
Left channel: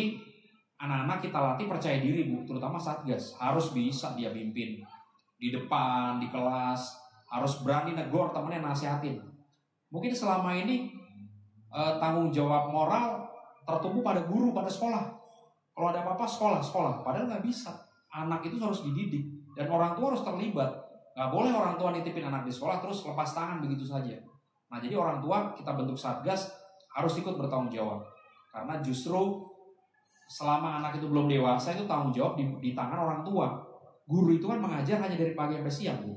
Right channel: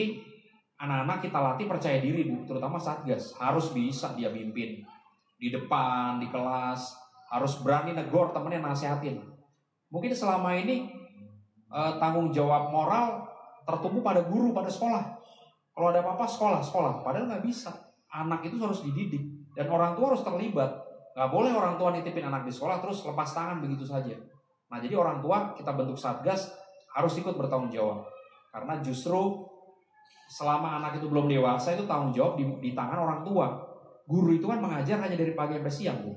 anak-anak kita latih percaya diri, Bu, terutama Satgas. Harus bisa dia pimpin di depan, di kelas, harus berani negor temennya, nasihatin. Mungkin selama ini tanggung jawab moral tertumpu pada guru, pada sekolah. Kalau ada apa-apa sekolah, padahal nggak bisa. Anak itu harus dididik dan orang tua harus terlibat. Nggak boleh orang tua nitipin anak di sekolah terus lepas tangan begitu saja. Nah, jadi orang tua kita bentuk Satgas harus ikut bertanggung jawab. Karena justru selama anak itu belum dewasa itu tanggung jawab di tangan orang tua. Guru itu kan mengajar hanya dari pagi sampai siang, Bu.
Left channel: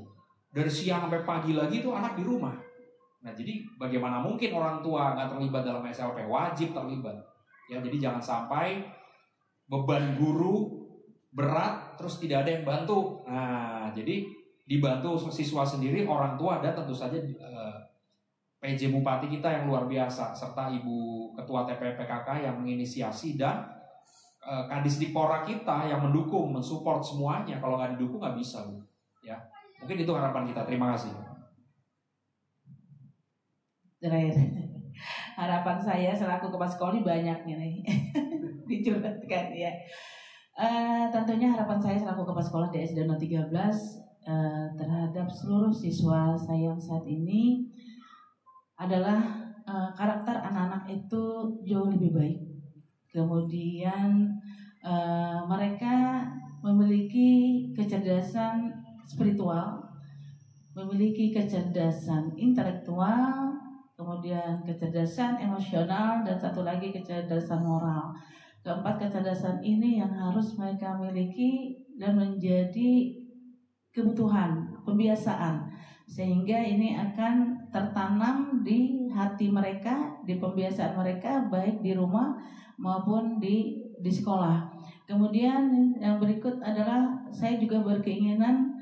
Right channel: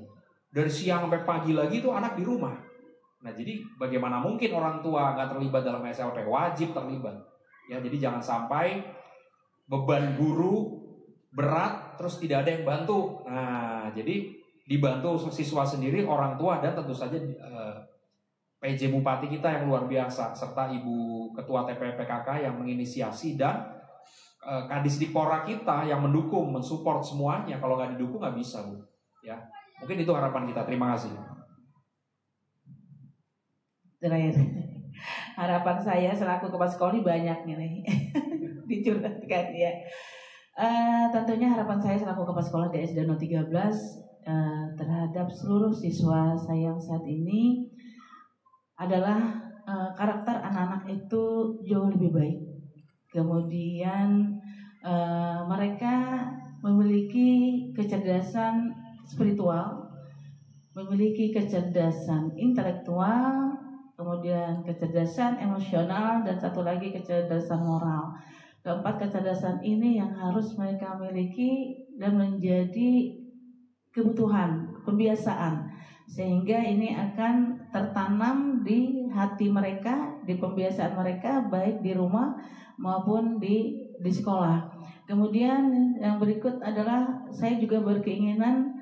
Dari siang sampai pagi lagi itu anak di rumah. Nah, jadi bagaimana mungkin orang tua nggak terlibat dalam SLP? Wajib terlibat. Ya, jadi jangan sampai beban guru berat terus tidak ada yang bantu. Nah, jadi dibantu siswa sendiri, orang tua, dan tentu saja PJ Bupati kita yang luar biasa, serta Ibu Ketua TPPKK yang menginisiasi, dan Kadisdipora kita yang mendukung, mensupport semuanya. Kalau nggak didukung nggak bisa, Bu. Ya, mungkin itu harapan kita. Terima kasih. Terakhir, harapan saya selaku kepala sekolah ini banyak nih dicurhatkan ya. Tentunya harapan saya selaku kepala sekolah di SD 013 terhadap seluruh siswa saya saat ini adalah karakter anak-anak itu jauh lebih baik. Kemudian mereka memiliki kecerdasan spiritual, memiliki kecerdasan intelektual, kemudian kecerdasan emosional, dan satu lagi kecerdasan moral. Keempat kecerdasan ini yang harus mereka miliki dan menjadi kebutuhan, kebiasaan, sehingga ini akan tertanam di hati mereka, di pembiasaan mereka baik di rumah maupun di sekolah. Kemudian yang berikut adalah saya juga berkeinginan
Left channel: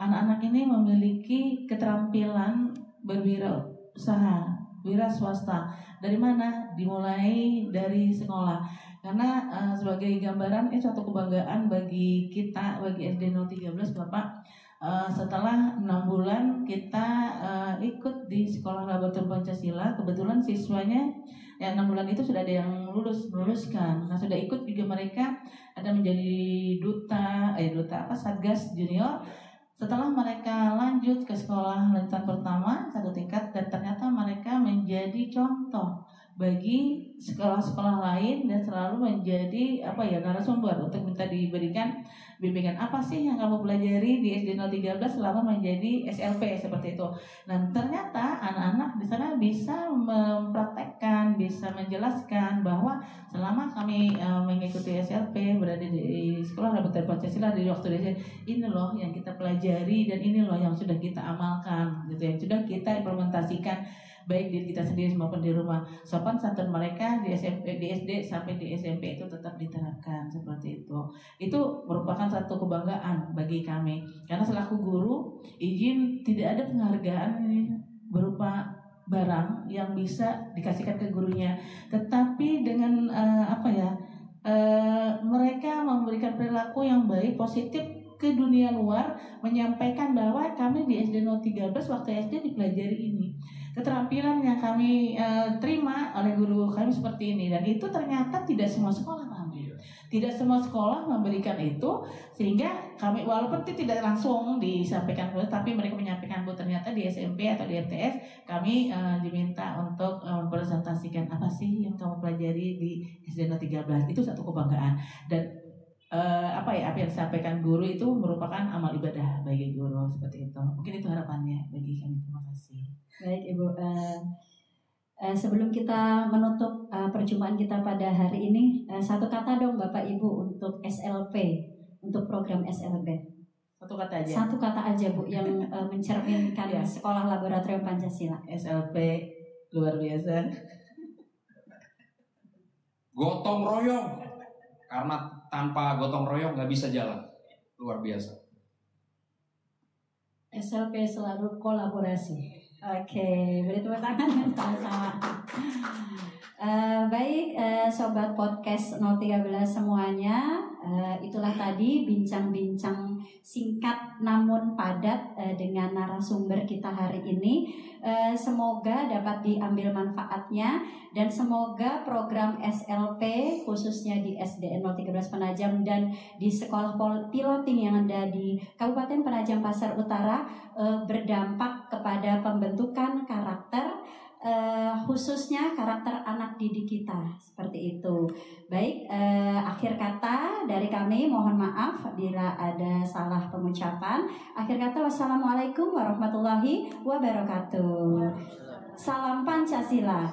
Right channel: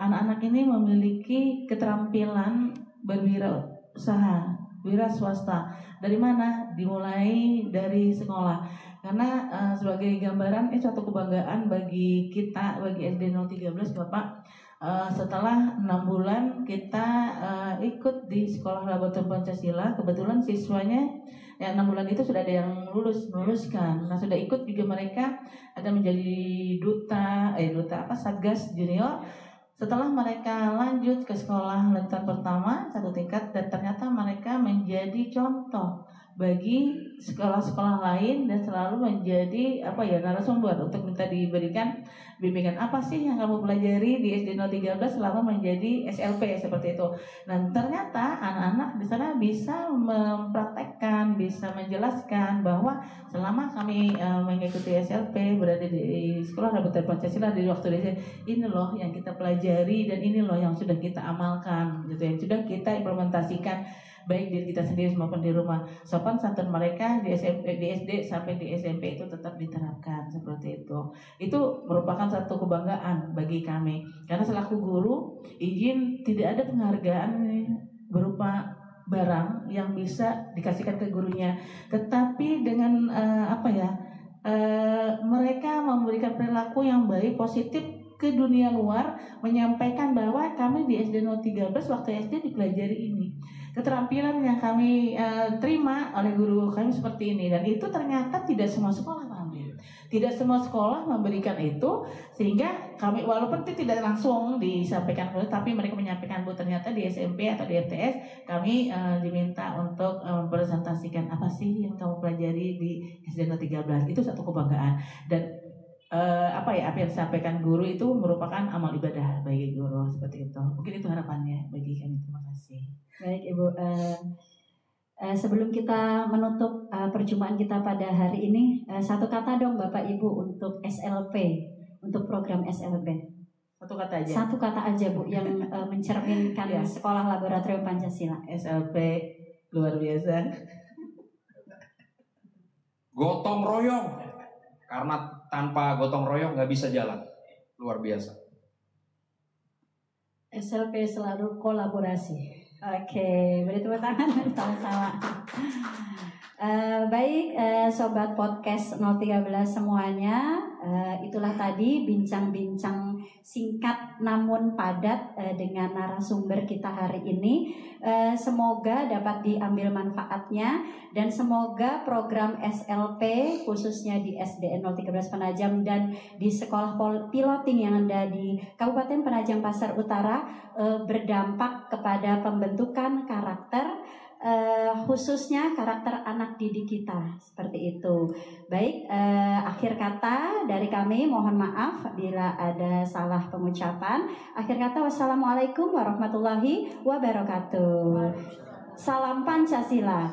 anak-anak ini memiliki keterampilan berwirausaha, wira swasta. Dari mana? Dimulai dari sekolah. Karena sebagai gambaran ini suatu kebanggaan bagi kita, bagi SD 013 Bapak. Setelah 6 bulan kita ikut di sekolah laboratorium Pancasila, kebetulan siswanya 6 bulan itu sudah ada yang meluluskan. Nah, sudah ikut juga mereka ada menjadi duta Satgas Junior. Setelah mereka lanjut ke sekolah lanjutan pertama 1 tingkat, dan ternyata mereka menjadi contoh bagi sekolah-sekolah lain dan selalu menjadi narasumber untuk minta diberikan bimbingan apa sih yang kamu pelajari di SD 013 selama menjadi SLP seperti itu. Dan ternyata anak-anak di sana bisa mempraktekkan, bisa menjelaskan bahwa selama kami mengikuti SLP, berada di sekolah laboratorium Pancasila di waktu ini loh yang kita pelajari dan ini loh yang sudah kita amalkan gitu, yang sudah kita implementasikan baik diri kita sendiri maupun di rumah. Sopan santun mereka di SD sampai di SMP itu tetap diterapkan seperti itu. Itu merupakan satu kebanggaan bagi kami. Karena selaku guru, izin tidak ada penghargaan berupa barang yang bisa dikasihkan ke gurunya, tetapi dengan mereka memberikan perilaku yang baik, positif ke dunia luar, menyampaikan bahwa kami di SD 013 waktu SD dipelajari ini. Keterampilan yang kami terima oleh guru kami seperti ini, dan itu ternyata tidak semua sekolah kami. Tidak semua sekolah memberikan itu, sehingga kami walaupun itu tidak langsung disampaikan, tapi mereka menyampaikan bahwa ternyata di SMP atau di MTS kami diminta untuk mempresentasikan apa sih yang kamu pelajari di SD 013. Itu satu kebanggaan, dan apa yang disampaikan guru itu merupakan amal ibadah bagi guru seperti itu. Mungkin itu harapannya bagi kami. Terima kasih. Baik Ibu, sebelum kita menutup perjumpaan kita pada hari ini, satu kata dong Bapak Ibu untuk SLP, untuk program SLP. Satu kata aja. Satu kata aja Bu yang mencerminkan Sekolah Laboratorium Pancasila. SLP luar biasa. Gotong royong, karena tanpa gotong royong nggak bisa jalan. Luar biasa. SLP selalu kolaborasi. Oke, beri tepuk tangan sama-sama. Baik, sobat podcast 013 semuanya, itulah tadi bincang-bincang singkat namun padat dengan narasumber kita hari ini. Semoga dapat diambil manfaatnya, dan semoga program SLP khususnya di SDN 013 Penajam dan di sekolah piloting yang ada di Kabupaten Penajam Pasar Utara berdampak kepada pembentukan karakter, khususnya karakter anak didik kita, seperti itu. Baik, akhir kata dari kami, mohon maaf bila ada salah pengucapan. Akhir kata, wassalamualaikum warahmatullahi wabarakatuh. Salam Pancasila.